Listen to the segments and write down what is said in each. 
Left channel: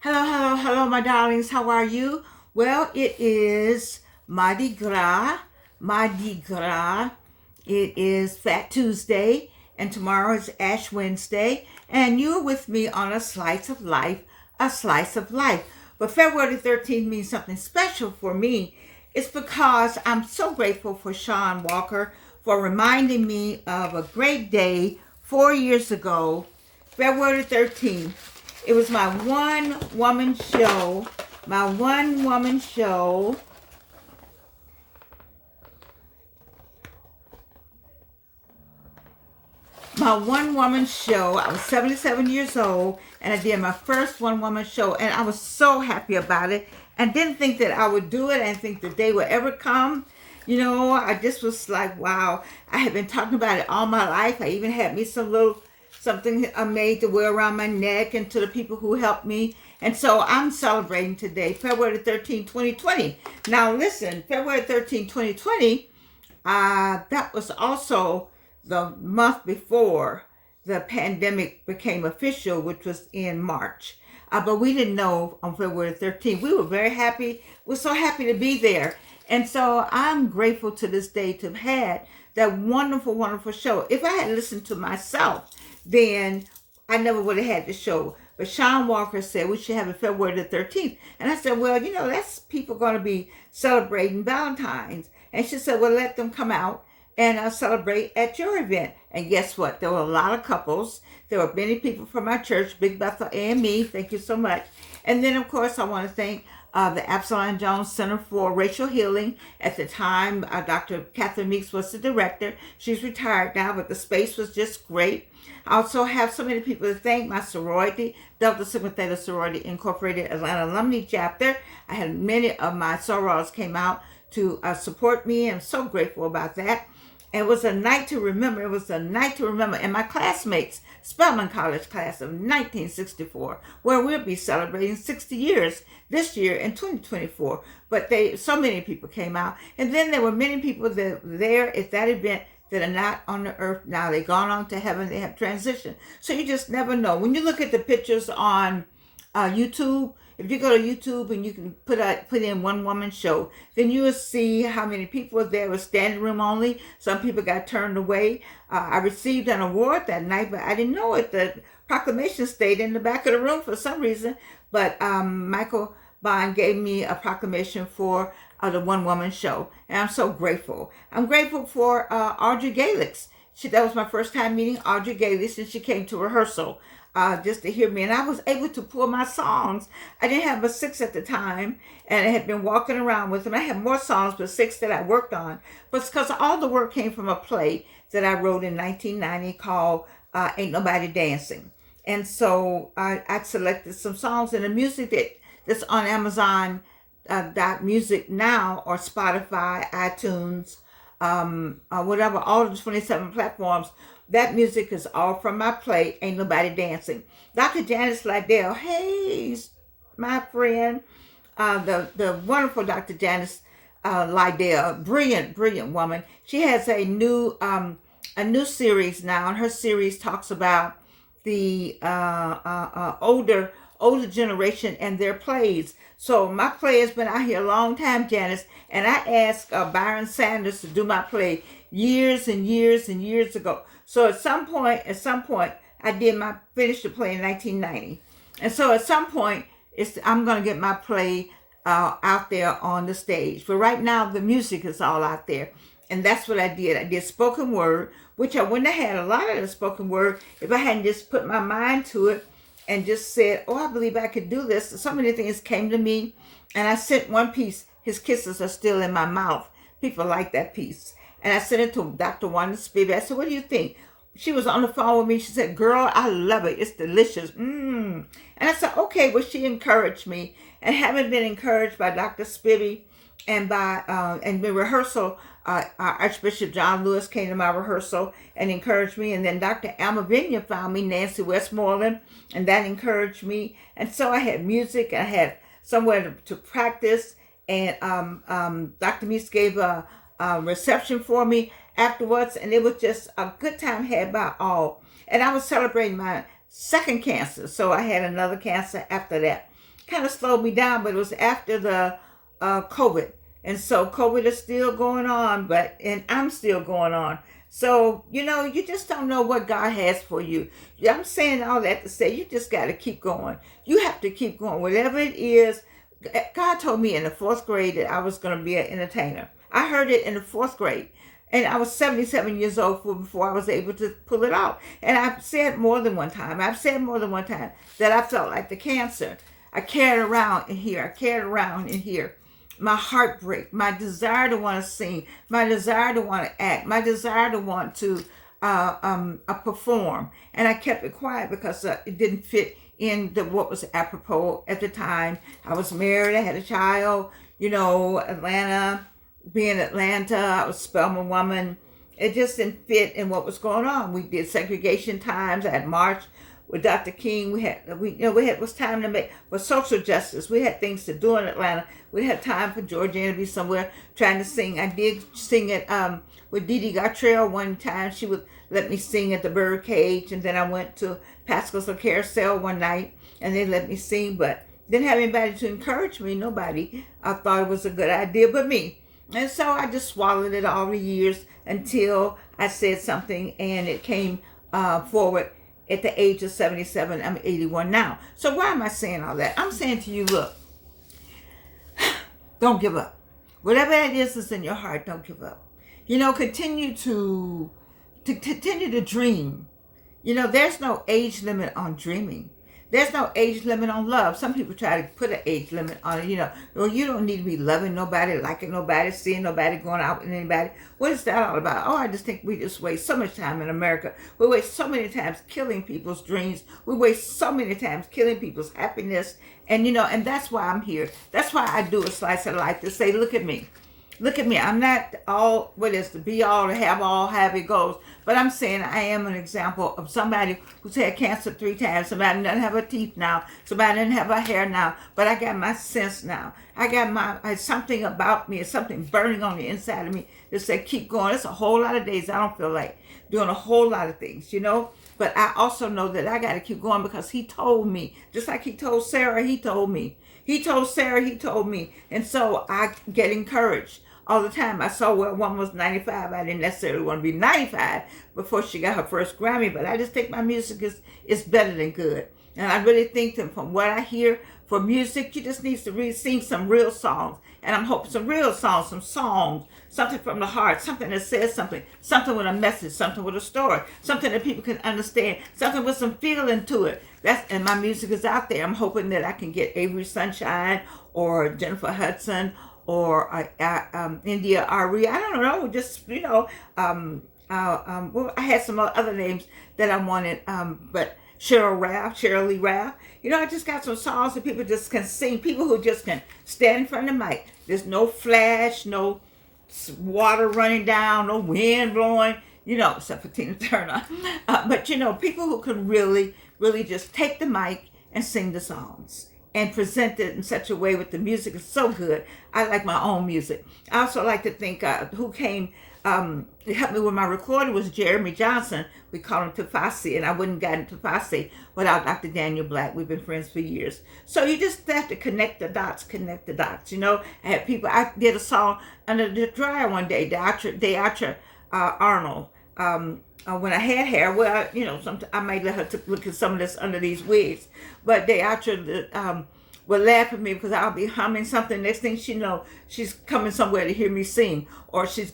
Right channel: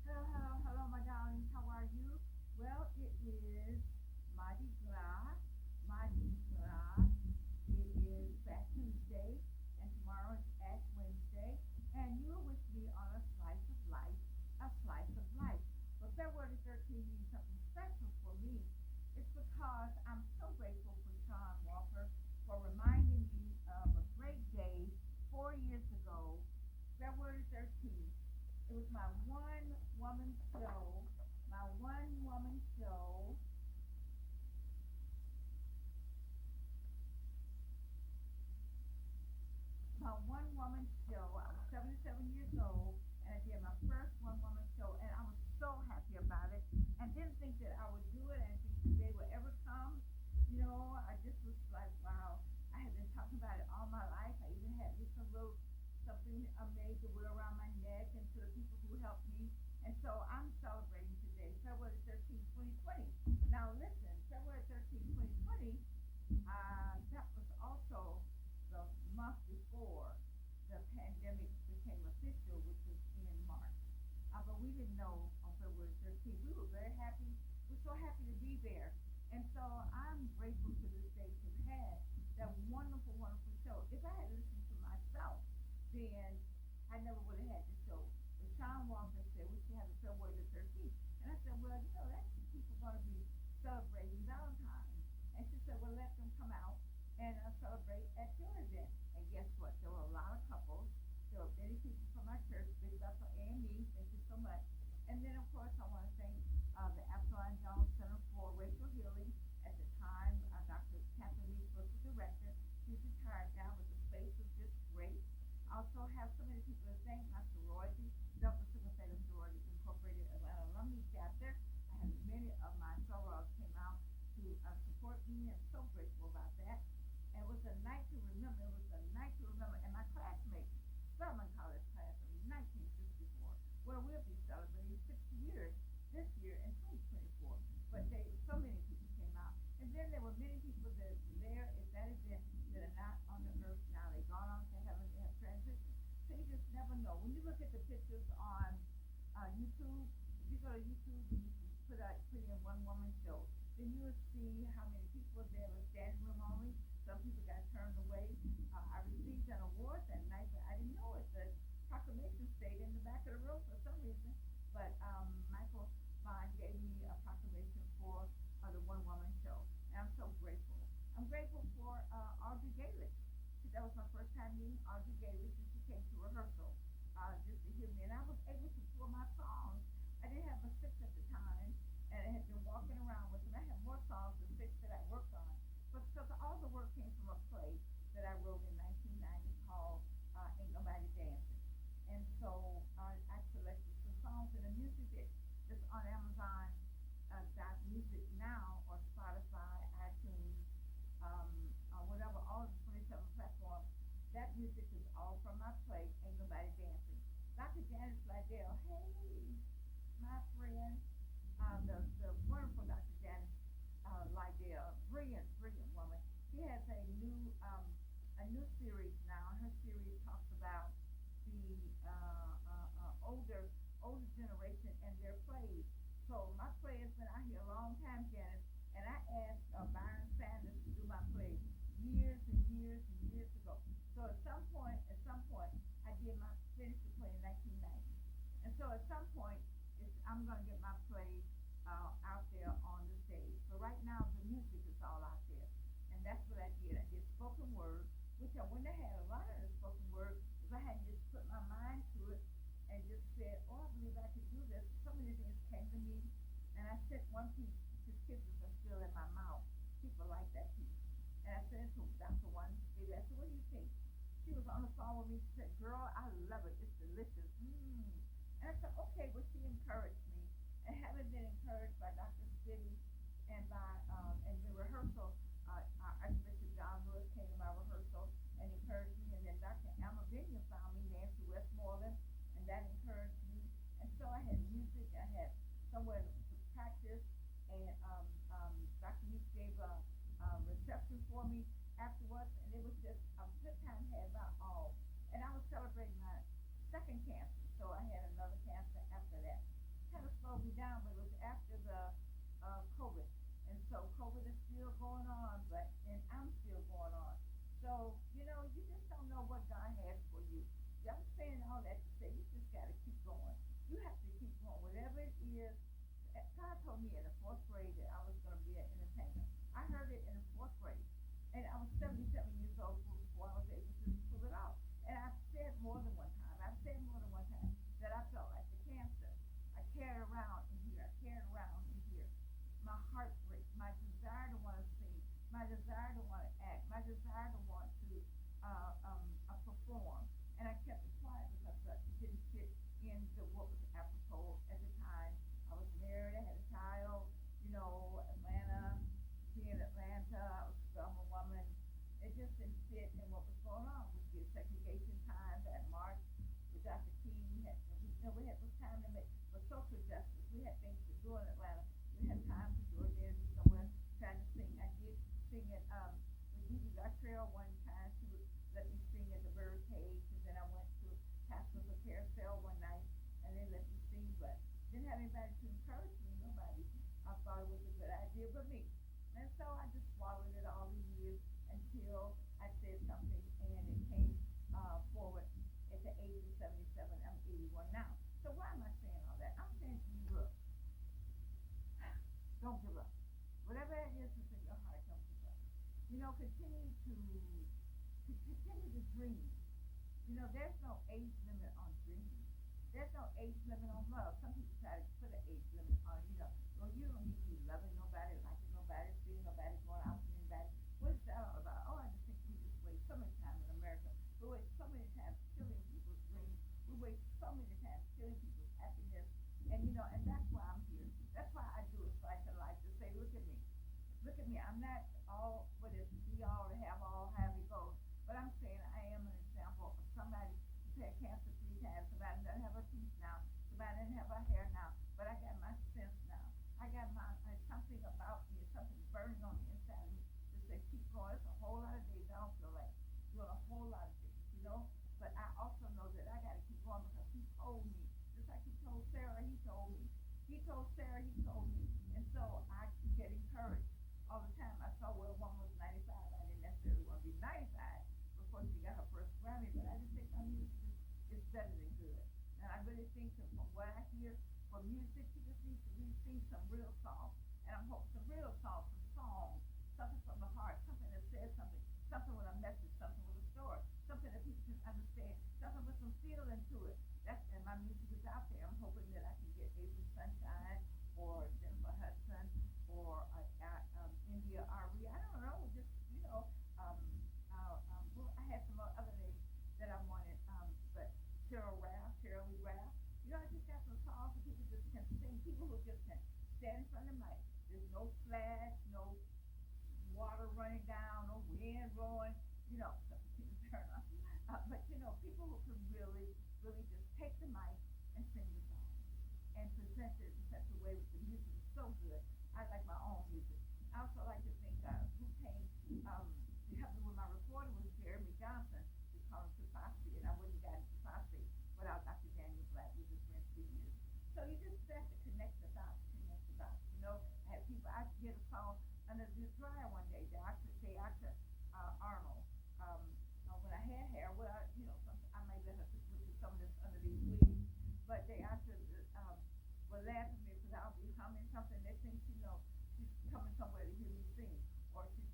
Hello, hello, hello, my darlings. How are you? Well, it is Mardi Gras. Mardi Gras. It is Fat Tuesday, and tomorrow is Ash Wednesday. And you're with me on a slice of life, a slice of life. But February 13th means something special for me. It's because I'm so grateful for Sean Walker for reminding me of a great day 4 years ago, February 13th. It was my one woman show. My one woman show. My one woman show. I was 77 years old and I did my first one woman show and I was so happy about it and didn't think that I would do it. I didn't think the day would ever come. I just was like, wow. I had been talking about it all my life. I even had me some little something I made to wear around my neck and to the people who helped me. And so I'm celebrating today, February 13, 2020. Now listen, February 13, 2020, that was also the month before the pandemic became official, which was in March. But we didn't know on February 13th. We were very happy. We're so happy to be there. And so I'm grateful to this day to have had that wonderful, wonderful show. If I had listened to myself, then I never would have had the show. But Sean Walker said we should have it February the 13th. And I said, well, that's people going to be celebrating Valentine's. And she said, well, let them come out and celebrate at your event. And guess what? There were a lot of couples. There were many people from our church, Big Bethel AME. Thank you so much. And then, of course, I want to thank the Absalom Jones Center for Racial Healing. At the time, Dr. Catherine Meeks was the director. She's retired now, but the space was just great. I also have so many people to thank. My sorority, Delta Sigma Theta Sorority Incorporated Atlanta Alumni Chapter. I had many of my sorors came out to support me. I'm so grateful about that. It was a night to remember. It was a night to remember. And my classmates, Spelman College class of 1964, where we'll be celebrating 60 years this year in 2024. But so many people came out. And then there were many people that were there at that event that are not on the earth now. They've gone on to heaven. They have transitioned. So you just never know. When you look at the pictures on YouTube, if you go to YouTube and you can put in one woman show, then you will see how many people were there. It was standing room only. Some people got turned away. I received an award that night, but I didn't know it. The proclamation stayed in the back of the room for some reason. But Michael Bond gave me a proclamation for the one woman show, and I'm so grateful. I'm grateful for Audrey Galix. That was my first time meeting Audrey Galix, and she came to rehearsal just to hear me. And I was able to pull my songs. I didn't have but 6 at the time, and I had been walking around with them. I had more songs, but 6 that I worked on. But it's because all the work came from a play that I wrote in 1990 called Ain't Nobody Dancing. And so I selected some songs, and the music that's on Amazon music now, or Spotify, iTunes, whatever, all the 27 platforms. That music is all from my play, Ain't Nobody Dancing. Dr. Janice Liddell, hey, my friend, the wonderful Dr. Janice Liddell, brilliant, brilliant woman. She has a new series now, and her series talks about the older generation and their plays. So my play has been out here a long time, Janice, and I asked Byron Sanders to do my play years and years and years ago. So at some point, I finished the play in 1990, and so at some point, I'm gonna get my play out there on the stage. But right now, the music is all out there, and that's what I did. I did spoken word, which I wouldn't have had a lot of the spoken word if I hadn't just put my mind to it and just said, oh, I believe I could do this. So many things came to me, and I sent one piece, His Kisses Are Still in My Mouth. People like that piece. And I sent it to Dr. Wanda Spivey. I said, what do you think? She was on the phone with me. She said, girl, I love it. It's delicious. And I said, okay. Well, she encouraged me. And having been encouraged by Dr. Spivey and by and the rehearsal, Archbishop John Lewis came to my rehearsal and encouraged me. And then Dr. Alma Vinya found me, Nancy Westmoreland, and that encouraged me. And so I had music. I had somewhere to practice. And Dr. Meeks gave a reception for me afterwards, and it was just a good time had by all. And I was celebrating my second cancer, so I had another cancer after that. kind of slowed me down, but it was after the COVID. And so COVID is still going on, and I'm still going on. So, you just don't know what God has for you. I'm saying all that to say you just got to keep going. You have to keep going. Whatever it is, God told me in the fourth grade that I was going to be an entertainer. I heard it in the fourth grade. And I was 77 years old before I was able to pull it off. And I've said more than one time that I felt like the cancer. I carried around in here. My heartbreak, my desire to want to sing, my desire to want to act, my desire to want to perform. And I kept it quiet because it didn't fit in what was apropos at the time. I was married, I had a child, being Atlanta, I was a Spelman woman. It just didn't fit in what was going on. We did segregation times. I had march with Dr. King. It was time to make for social justice. We had things to do in Atlanta. We had time for Georgiana to be somewhere trying to sing. I did sing it with Dee Dee Gartrell one time. She would let me sing at the Birdcage, and then I went to Pascal's Carousel one night, and they let me sing, but didn't have anybody to encourage me. Nobody. I thought it was a good idea but me. And so I just swallowed it all the years until I said something, and it came forward at the age of 77. I'm 81 now. So why am I saying all that? I'm saying to you, look, don't give up. Whatever it is that's in your heart, don't give up. Continue to dream. There's no age limit on dreaming. There's no age limit on love. Some people try to put an age limit on it. Well, you don't need to be loving nobody, liking nobody, seeing nobody, going out with anybody. What is that all about? Oh, I just think we just waste so much time in America. We waste so many times killing people's dreams. We waste so many times killing people's happiness. And, and that's why I'm here. That's why I do a slice of life to say, look at me. Look at me. I'm not all, the be all, to have all, have it goes. But I'm saying I am an example of somebody who's had cancer 3 times. Somebody doesn't have her teeth now. Somebody doesn't have her hair now. But I got my sense now. I got something about me. It's something burning on the inside of me that said, keep going. It's a whole lot of days I don't feel like doing a whole lot of things, But I also know that I got to keep going because he told me, just like he told Sarah, he told me. He told Sarah, he told me. And so I get encouraged all the time. I saw where one was 95. I didn't necessarily want to be 95 before she got her first Grammy, but I just think my music is better than good. And I really think that from what I hear for music, you just need to really sing some real songs. And I'm hoping some real songs, something from the heart, something that says something with a message, something with a story, something that people can understand, something with some feeling to it. And my music is out there. I'm hoping that I can get Avery Sunshine or Jennifer Hudson or India Ari. I don't know, just, well, I had some other names that I wanted, but Cheryl Lee Ralph. I just got some songs that people just can sing, people who just can stand in front of the mic. There's no flash, no water running down, no wind blowing, except for Tina Turner. But, people who can really, really just take the mic and sing the songs and present it in such a way with the music is so good. I like my own music. I also like to think who came to help me with my recording was Jeremy Johnson. We call him Tafasi, and I wouldn't have gotten Tafasi without Dr. Daniel Black. We've been friends for years. So you just have to connect the dots. I had people, I did a song under the dryer one day, Deatra Arnold. When I had hair, well, I might let her look at some of this under these wigs. But Deatra would laugh at me because I'll be humming something. Next thing she know, she's coming somewhere to hear me sing. Or she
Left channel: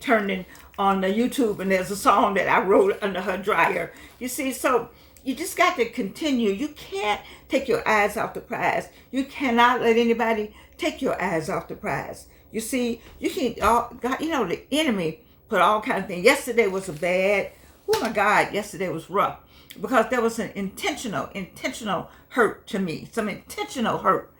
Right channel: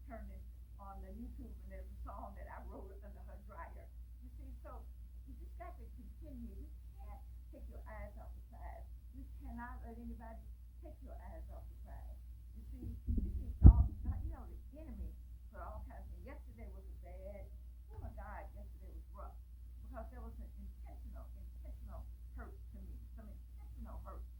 turned in on the YouTube and there's a song that I wrote under her dryer. You see, so you just got to continue. You can't take your eyes off the prize. You cannot let anybody take your eyes off the prize. You see, you can't, the enemy put all kinds of things. Yesterday was yesterday was rough because there was an intentional hurt to me. Some intentional hurt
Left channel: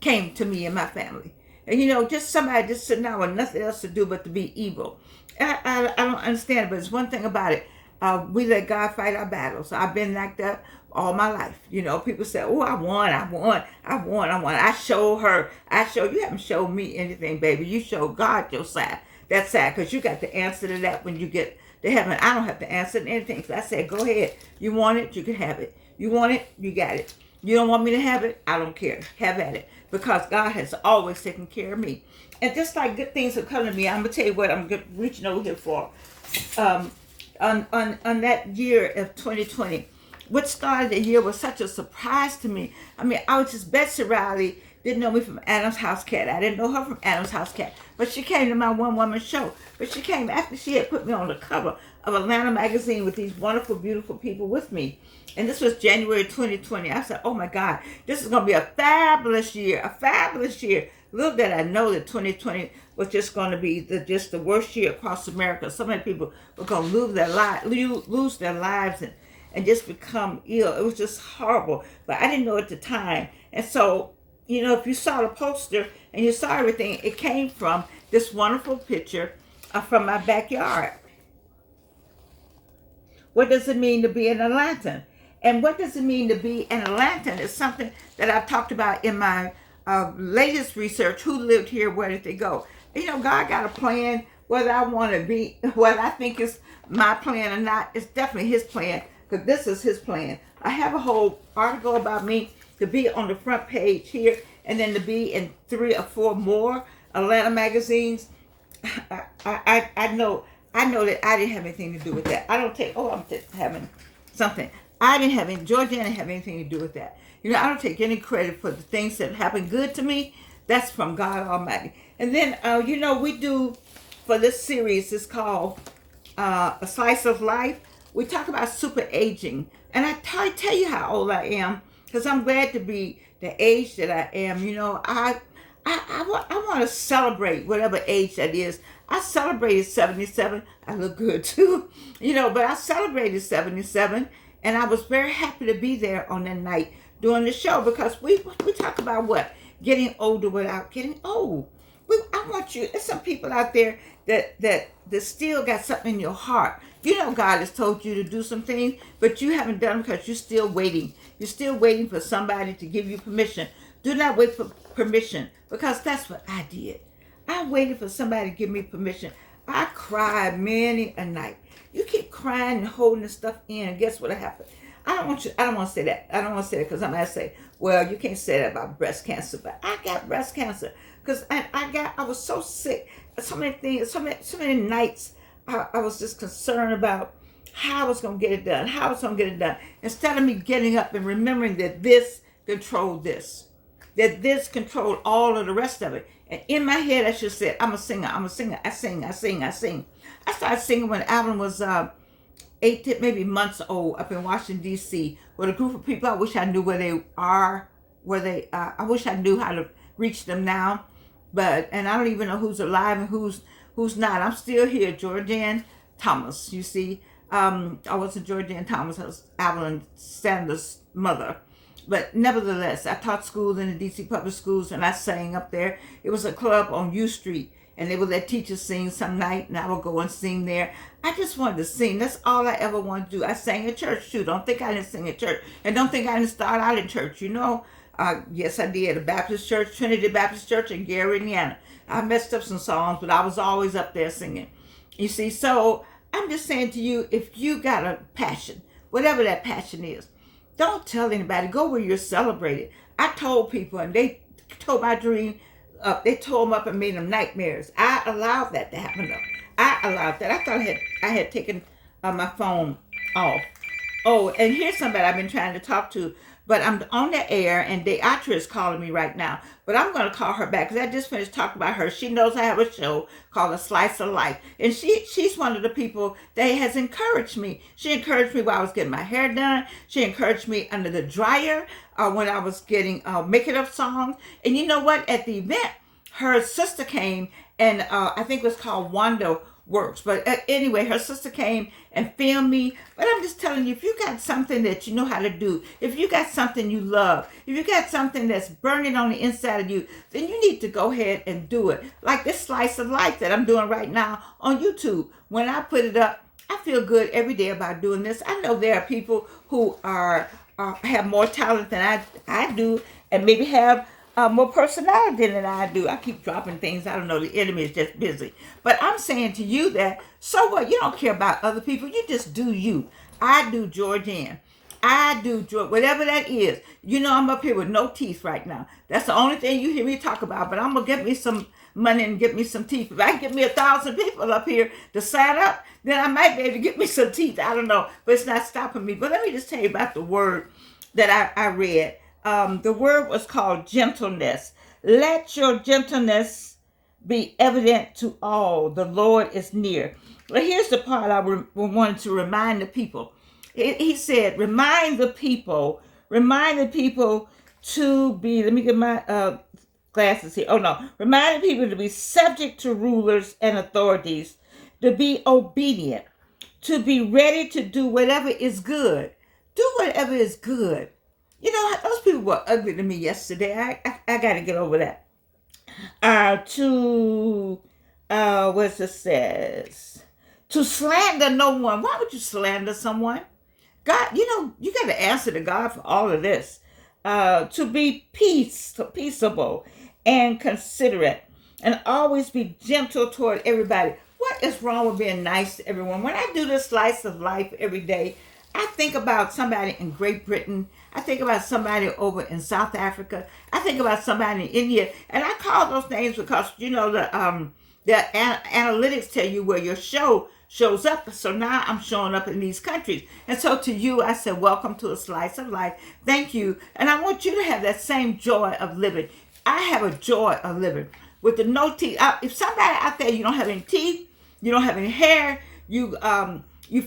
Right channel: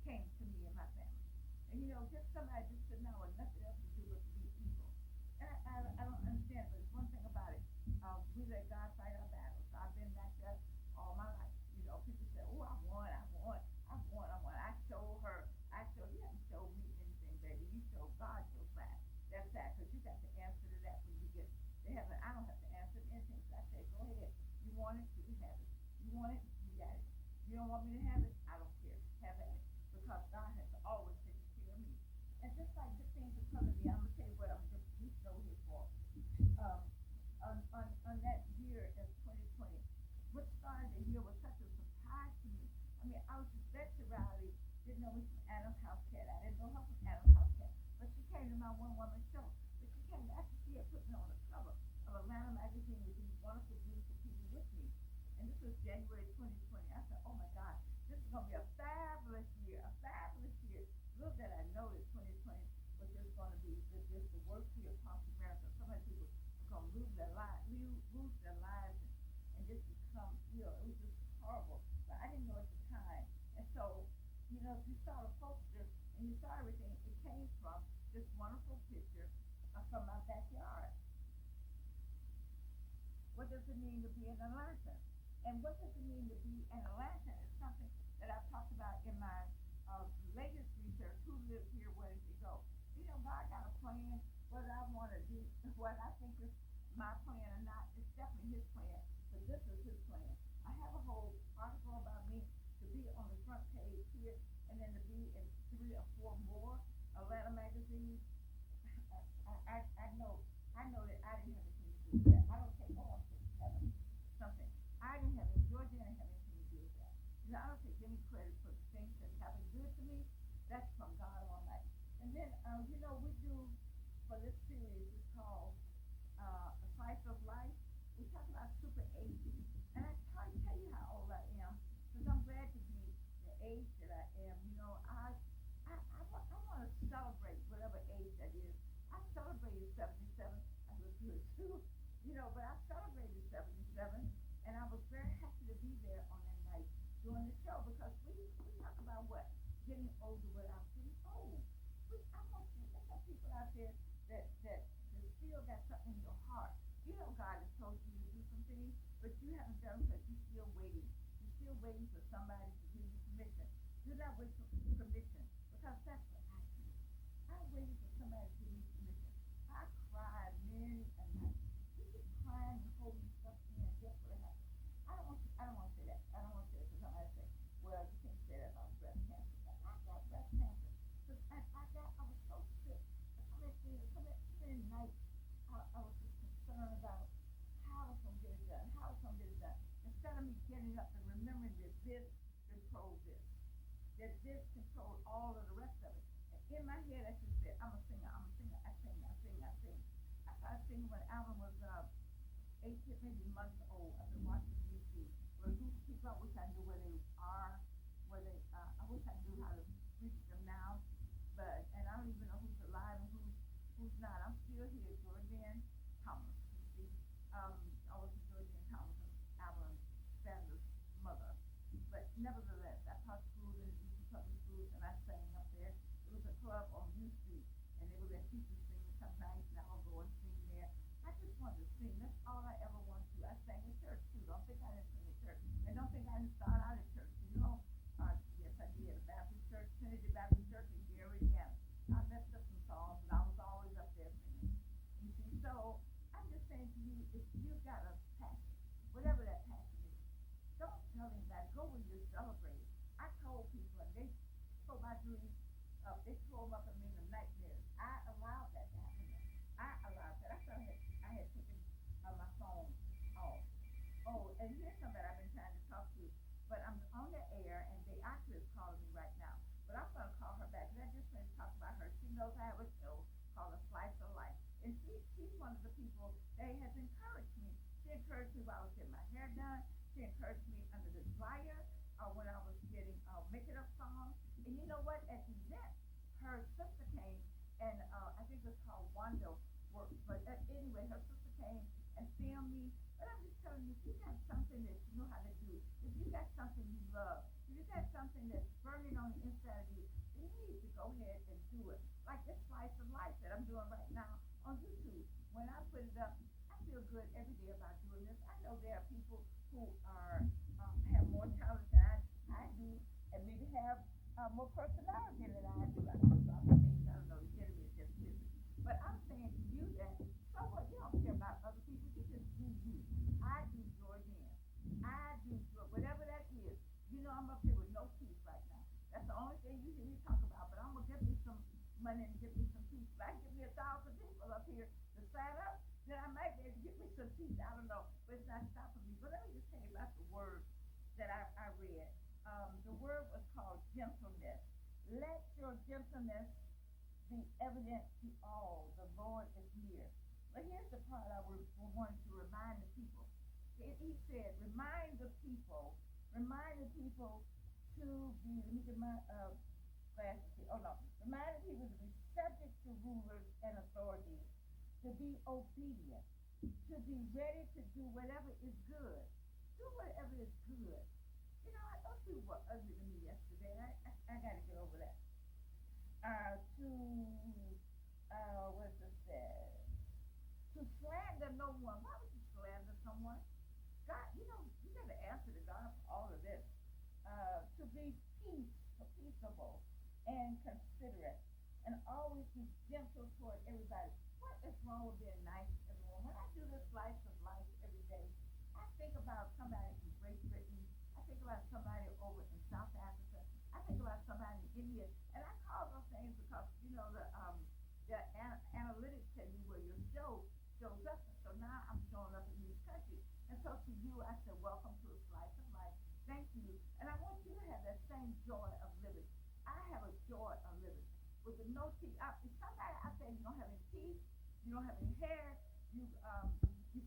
came to me and my family. And just somebody just sitting down with nothing else to do but to be evil. I don't understand it, but it's one thing about it. We let God fight our battles. So I've been like that all my life. People say, oh, I won. I showed you haven't showed me anything, baby. You showed God your side. That's sad because you got the answer to that when you get to heaven. I don't have to answer anything. So I said, go ahead. You want it, you can have it. You want it, you got it. You don't want me to have it? I don't care. Have at it. Because God has always taken care of me. And just like good things have come to me, I'm going to tell you what I'm reaching over here for. Um, on that year of 2020, what started the year was such a surprise to me. I mean, I was just, Betsy Riley didn't know me from Adam's House Cat. I didn't know her from Adam's House Cat. But she came to my one-woman show. But she came after she had put me on the cover of Atlanta magazine with these wonderful, beautiful people with me. And this was January 2020. I said, oh my God, this is going to be a fabulous year, a fabulous year. Little did I know that 2020 was just going to be just the worst year across America. So many people were going to lose their lives and just become ill. It was just horrible. But I didn't know at the time. And so, you know, if you saw the poster and you saw everything, it came from this wonderful picture from my backyard. What does it mean to be an Atlantan? And what does it mean to be an Atlantan is something that I've talked about in my latest research. Who lived here? Where did they go? You know, God got a plan. Whether I want to be, whether I think it's my plan or not, it's definitely His plan, because this is His plan. I have a whole article about me to be on the front page here, and then to be in 3 or 4 more Atlanta magazines. I know that I didn't have anything to do with that. I don't take, I'm just having something. I didn't have any, Georgia didn't have anything to do with that. You know, I don't take any credit for the things that happened good to me. That's from God Almighty. And then, you know, we do, for this series, it's called A Slice of Life. We talk about super aging. And I tell you how old I am, because I'm glad to be the age that I am. You know, I want to celebrate whatever age that is. I celebrated 77. I look good too. You know, but I celebrated 77. And I was very happy to be there on that night doing the show, because we talk about what? Getting older without getting old. I want you, there's some people out there that still got something in your heart. You know, God has told you to do some things, but you haven't done them because you're still waiting. You're still waiting for somebody to give you permission. Do not wait for permission, because that's what I did. I waited for somebody to give me permission. I cried many a night. You keep crying and holding this stuff in, and guess what happened? I don't want to say that. I don't want to say that, because I'm going to say, well, you can't say that about breast cancer, but I got breast cancer because I was so sick. So many things, so many nights I was just concerned about how I was going to get it done, instead of me getting up and remembering that this controlled this, that this controlled all of the rest of it. And in my head, I just said, I'm a singer. I sing. I started singing when Alvin was 8 maybe months old, up in Washington, D.C., with a group of people. I wish I knew where they are, I wish I knew how to reach them now. And I don't even know who's alive and who's not. I'm still here, Georgianne Thomas, you see. I wasn't Georgianne Thomas, I was Evelyn Sanders' mother. But nevertheless, I taught schools in the D.C. public schools, and I sang up there. It was a club on U Street, and they would let teachers sing some night, and I would go and sing there. I just wanted to sing. That's all I ever wanted to do. I sang in church, too. Don't think I didn't sing in church. And don't think I didn't start out in church. You know, yes, I did. A Baptist church, Trinity Baptist Church in Gary, Indiana. I messed up some songs, but I was always up there singing. You see, so I'm just saying to you, if you got a passion, whatever that passion is, don't tell anybody. Go where you're celebrated. I told people, and they told my dream up. They tore them up and made them nightmares. I allowed that to happen, though. I allowed that. I thought I had taken my phone off. Oh, and here's somebody I've been trying to talk to, but I'm on the air, and Deatra is calling me right now. But I'm going to call her back, because I just finished talking about her. She knows I have a show called A Slice of Life. And she's one of the people that has encouraged me. She encouraged me while I was getting my hair done. She encouraged me under the dryer when I was getting making up songs. And you know what? At the event, her sister came, and I think it was called Wanda Works. But anyway, her sister came and filmed me. But I'm just telling you, if you got something that you know how to do, if you got something you love, if you got something that's burning on the inside of you, then you need to go ahead and do it. Like this Slice of Life that I'm doing right now on YouTube. When I put it up, I feel good every day about doing this. I know there are people who have more talent than I do, and maybe have more personality than I do. I keep dropping things. I don't know. The enemy is just busy. But I'm saying to you that, so what? You don't care about other people. You just do you. I do Georgianne. I do joy, whatever that is. You know, I'm up here with no teeth right now. That's the only thing you hear me talk about. But I'm gonna get me some money and get me some teeth. If I can get me 1,000 people up here to sign up, then I might be able to get me some teeth. I don't know, but it's not stopping me. But let me just tell you about the word that I read. The word was called gentleness. Let your gentleness be evident to all. The Lord is near. Well, here's the part I wanted to remind the people. He said, remind the people to be, let me get my glasses here. Oh no, remind the people to be subject to rulers and authorities, to be obedient, to be ready to do whatever is good. Do whatever is good. You know, those people were ugly to me yesterday. I got to get over that. What it says? To slander no one. Why would you slander someone? God, you know, you got to answer to God for all of this. To be peaceable and considerate, and always be gentle toward everybody. What is wrong with being nice to everyone? When I do this slice of life every day, I think about somebody in Great Britain. I think about somebody over in South Africa. I think about somebody in India. And I call those names because, you know, the analytics tell you where your show shows up. So now I'm showing up in these countries. And so to you, I said, welcome to a slice of life. Thank you. And I want you to have that same joy of living. I have a joy of living with the no teeth. If somebody out there, you don't have any teeth, you don't have any hair, you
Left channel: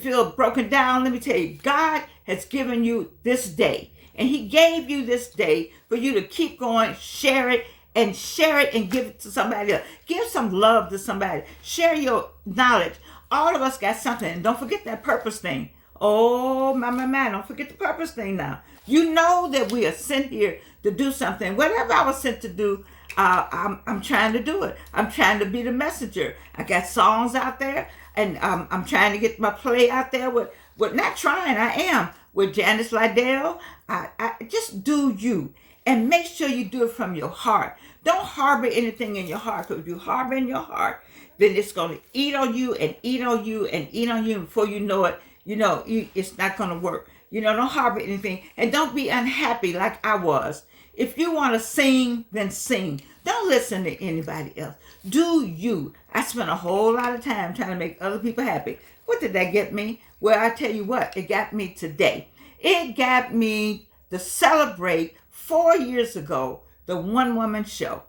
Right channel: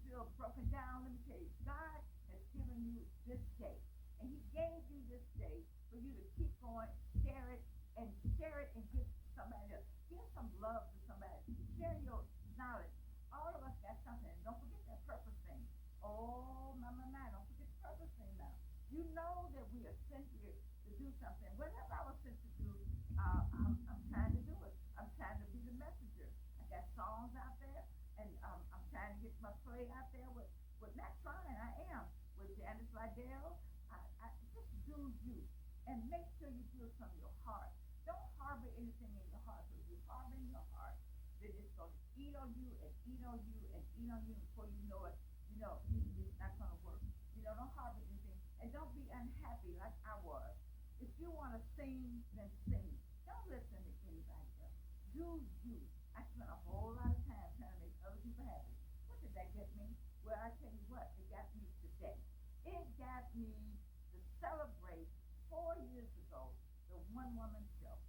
feel broken down, let me tell you, God has given you this day. And he gave you this day for you to keep going, share it and give it to somebody else. Give some love to somebody. Share your knowledge. All of us got something. And don't forget that purpose thing. Oh, my, don't forget the purpose thing now. You know that we are sent here to do something. Whatever I was sent to do, I'm trying to do it. I'm trying to be the messenger. I got songs out there, and I'm trying to get my play out there with not trying, I am, with Janice Liddell. I just do you, and make sure you do it from your heart. Don't harbor anything in your heart, because if you harbor in your heart, then it's going to eat on you and eat on you and eat on you. And before you know it, it's not going to work. Don't harbor anything, and don't be unhappy like I was. If you want to sing, then sing. Don't listen to anybody else. Do you. I spent a whole lot of time trying to make other people happy. What did that get me? Well, I tell you what, it got me today. It got me to celebrate 4 years ago, the One Woman Show.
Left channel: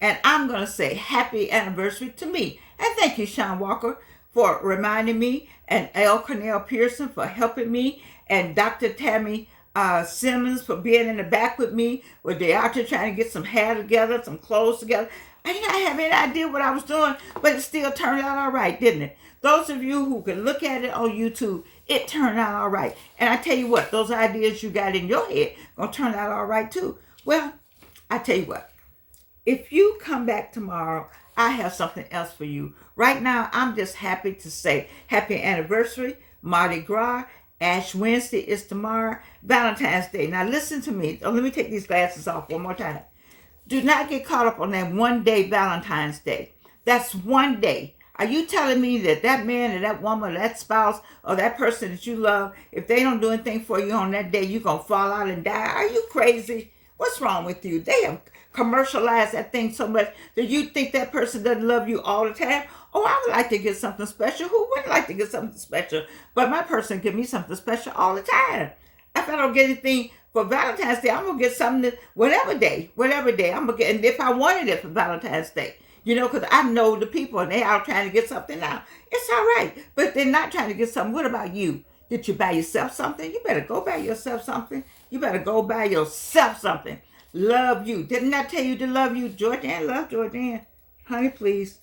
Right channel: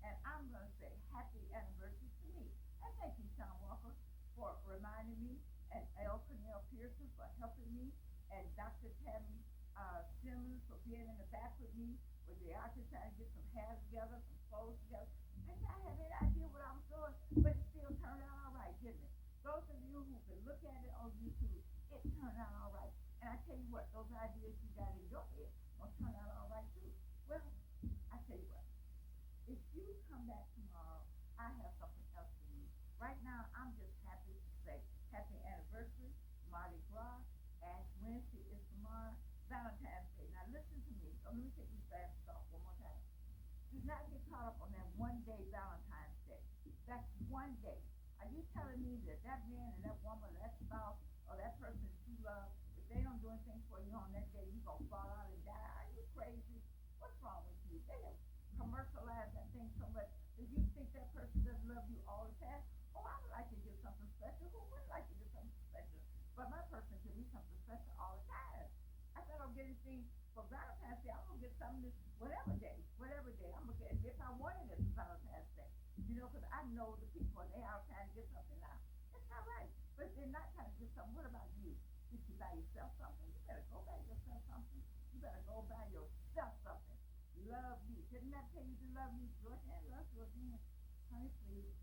And I'm going to say happy anniversary to me. And thank you, Sean Walker, for reminding me, and L. Cornell Pearson for helping me, and Dr. Tammy Simmons for being in the back with me, where they're out there trying to get some hair together, some clothes together. I didn't have any idea what I was doing, but it still turned out all right, didn't it? Those of you who can look at it on YouTube, it turned out all right. And I tell you what, those ideas you got in your head going to turn out all right too. Well, I tell you what, if you come back tomorrow, I have something else for you. Right now, I'm just happy to say happy anniversary, Mardi Gras, Ash Wednesday is tomorrow, Valentine's Day. Now listen to me. Oh, let me take these glasses off one more time. Do not get caught up on that one day Valentine's Day. That's one day. Are you telling me that man or that woman or that spouse or that person that you love, if they don't do anything for you on that day, you're going to fall out and die? Are you crazy? What's wrong with you? They have commercialized that thing so much that you think that person doesn't love you all the time. Oh, I would like to get something special. Who wouldn't like to get something special? But my person give me something special all the time. If I don't get anything for Valentine's Day, I'm going to get something whatever day I'm going to get. And if I wanted it for Valentine's Day, because I know the people and they out trying to get something now. It's all right. But they're not trying to get something. What about you? Did you buy yourself something? You better go buy yourself something. You better go buy yourself something. Love you. Didn't I tell you to love you? Jordan, love Jordan. Honey, please.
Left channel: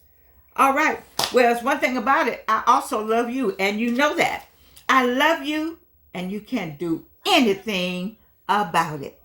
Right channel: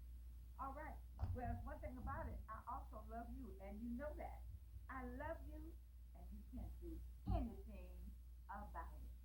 All right. Well, it's one thing about it. I also love you, and you know that. I love you, and you can't do anything about it.